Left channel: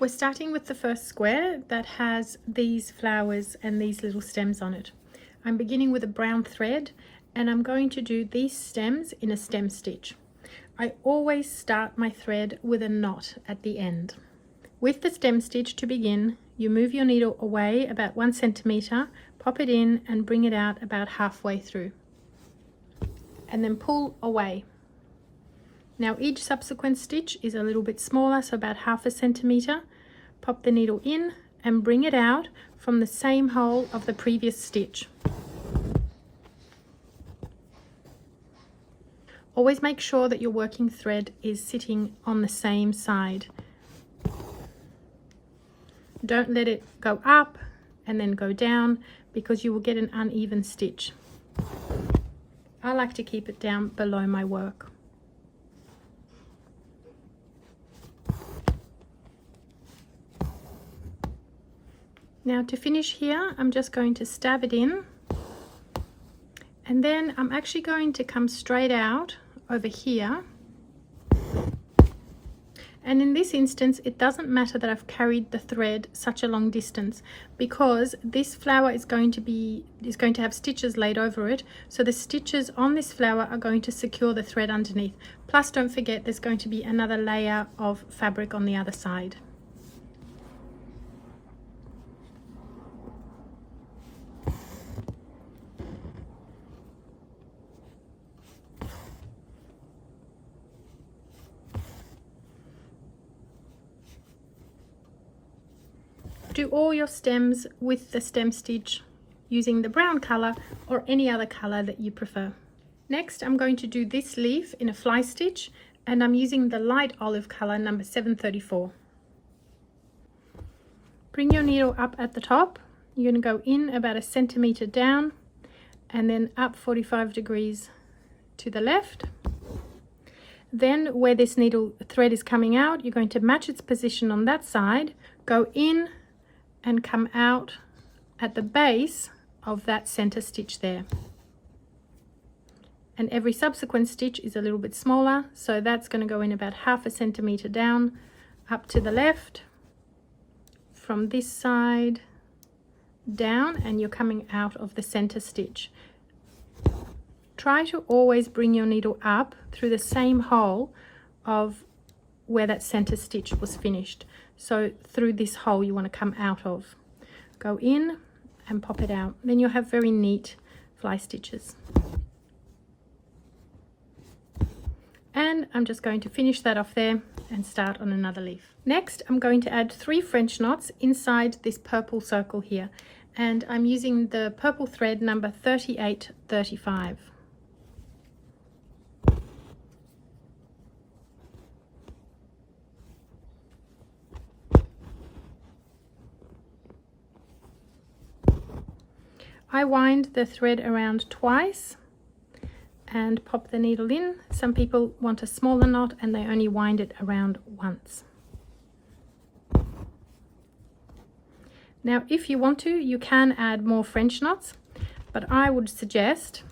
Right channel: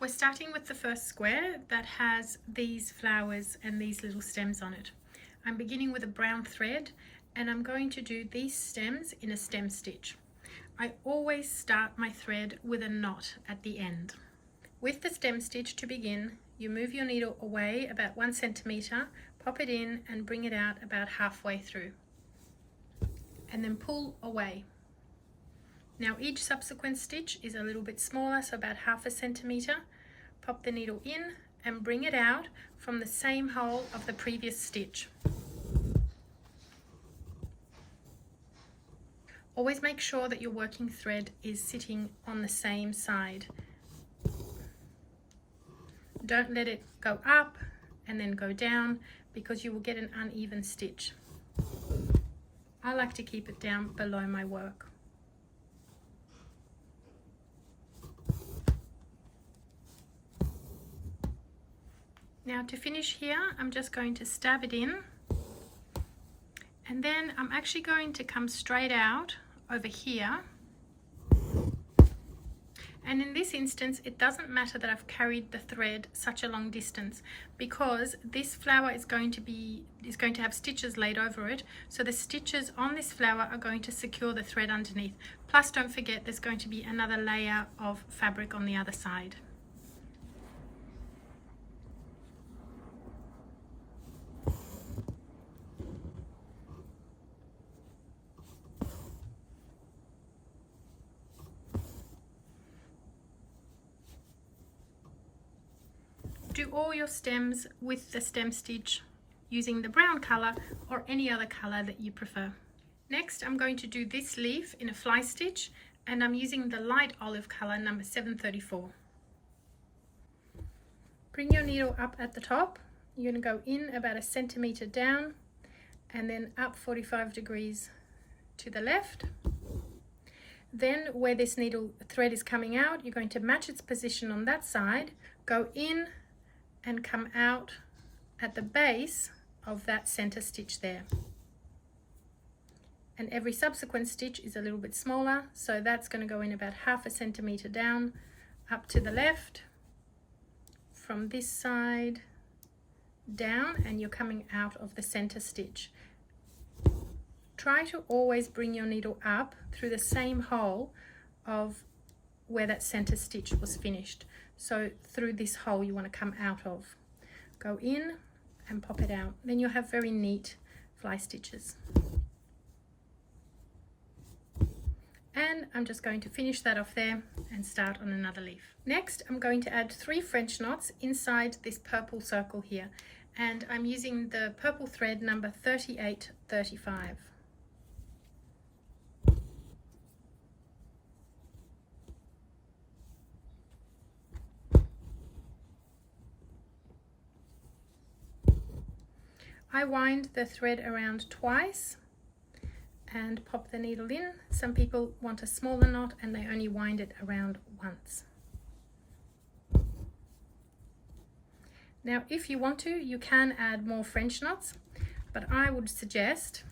We're starting with the first square that has these flowers and these little stems on it. I'm beginning with a brown thread and I'm going to do these stems in a stem stitch. I always start my thread with a knot at the end. With the stem stitch to begin, you move your needle away about 1 centimeter, pop it in and bring it out about halfway through. And then pull away. Now each subsequent stitch is a little bit smaller, so about 1/2 centimeter. Pop the needle in and bring it out from the same hole of the previous stitch. Always make sure that your working thread is sitting on the same side. Don't let it go up and then go down because you will get an uneven stitch. I like to keep it down below my work. Now to finish here, I'm just going to stab it in and then I'm actually going to come straight out over here. And in this instance, it doesn't matter that I've carried the thread such a long distance because this flower is going to have stitches laid over it. So the stitches on this flower are going to secure the thread underneath. Plus, don't forget, there's going to be another layer of fabric on the other side. Do all your stems with the stem stitch using the brown color or any other color that you prefer. Next, I'm going to do this leaf in a fly stitch and I'm using the light olive color number 734. Bring your needle up at the top. You're going to go in about 1 centimeter down and then up 45 degrees to the left. Then where this needle thread is coming out, you're going to match its position on that side, go in and come out at the base of that center stitch there. And every subsequent stitch is a little bit smaller, so that's going to go in about 1/2 centimeter down, up to the left, from this side down, and you're coming out of the center stitch. Try to always bring your needle up through the same hole of where that center stitch was finished. So through this hole you want to come out of. Go in and pop it out. Then you'll have very neat fly stitches. And I'm just going to finish that off there and start on another leaf. Next, I'm going to add 3 French knots inside this purple circle here. And I'm using the purple thread number 3835. I wind the thread around twice and pop the needle in. Some people want a smaller knot and they only wind it around once. Now, if you want to, you can add more French knots, but I would suggest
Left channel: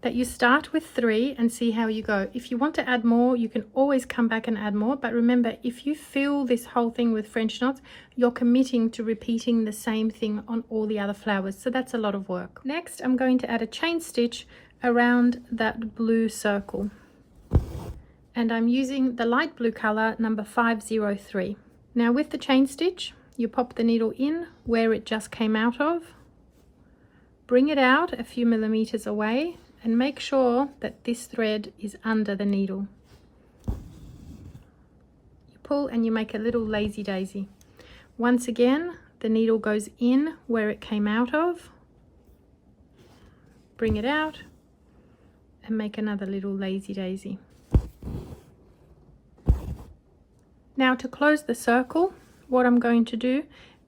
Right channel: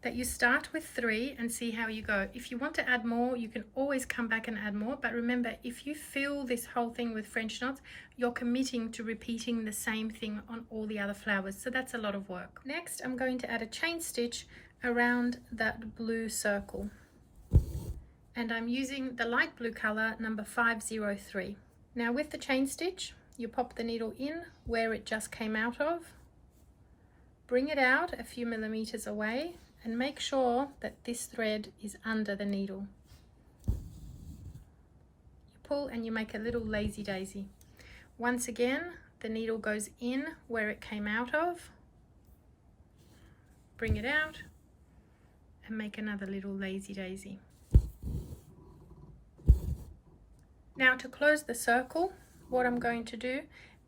that you start with 3 and see how you go. If you want to add more, you can always come back and add more, but remember, if you fill this whole thing with French knots, you're committing to repeating the same thing on all the other flowers, so that's a lot of work. Next, I'm going to add a chain stitch around that blue circle, and I'm using the light blue color number 503. Now with the chain stitch, you pop the needle in where it just came out of, bring it out a few millimeters away, and make sure that this thread is under the needle. You pull and you make a little lazy daisy. Once again, the needle goes in where it came out of, bring it out and make another little lazy daisy. Now to close the circle, what I'm going to do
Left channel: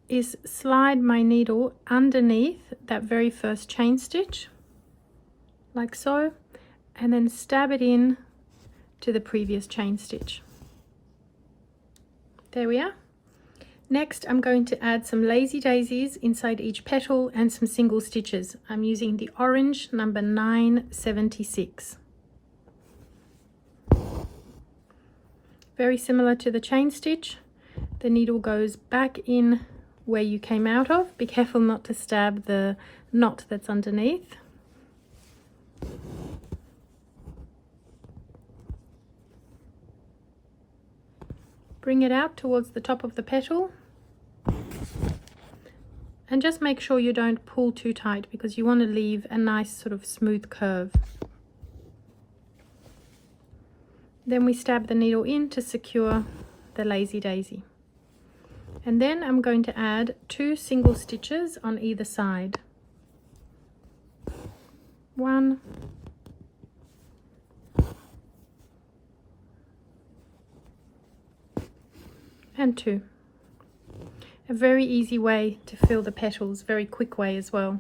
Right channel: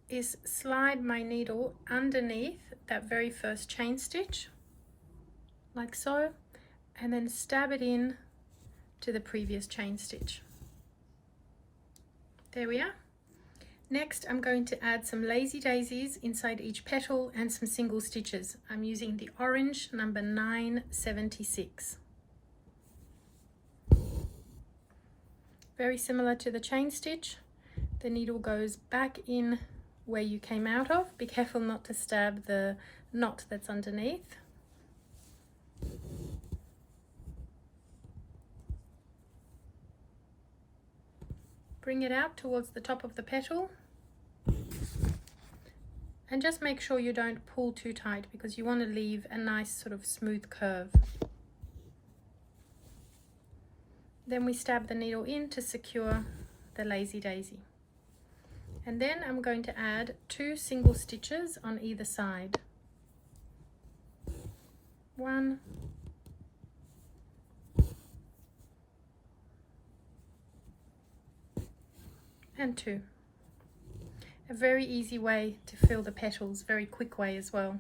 is slide my needle underneath that very first chain stitch, like so, and then stab it in to the previous chain stitch. There we are. Next, I'm going to add some lazy daisies inside each petal and some single stitches. I'm using the orange number 976. Very similar to the chain stitch. the needle goes back in where you came out of. Be careful not to stab the knot that's underneath. Bring it out towards the top of the petal. And just make sure you don't pull too tight, because you want to leave a nice sort of smooth curve. Then we stab the needle in to secure the lazy daisy. And then I'm going to add 2 single stitches on either side. 1 and 2. A very easy way to fill the petals, very quick way as well.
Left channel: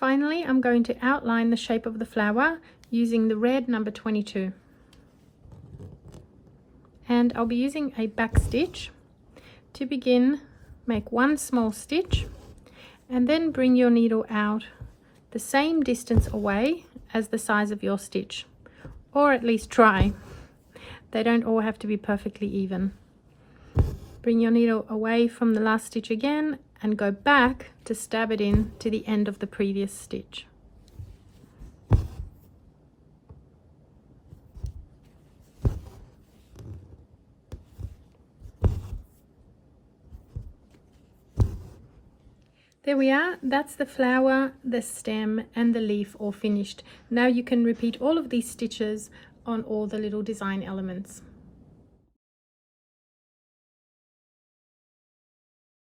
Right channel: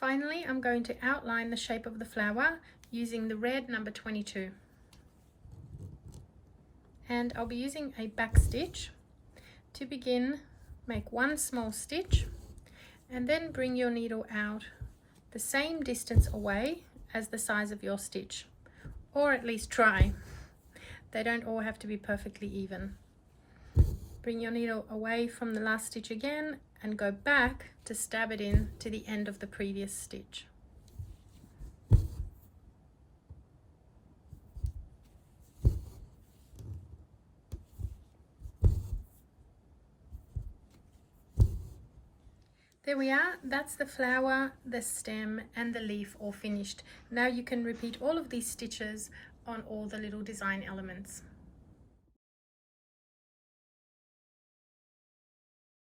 Finally, I'm going to outline the shape of the flower using the red number 22. And I'll be using a back stitch. To begin, make 1 small stitch and then bring your needle out the same distance away as the size of your stitch, or at least try. They don't all have to be perfectly even. Bring your needle away from the last stitch again and go back to stab it in to the end of the previous stitch. There we are. That's the flower, the stem and the leaf all finished. Now you can repeat all of these stitches on all the little design elements.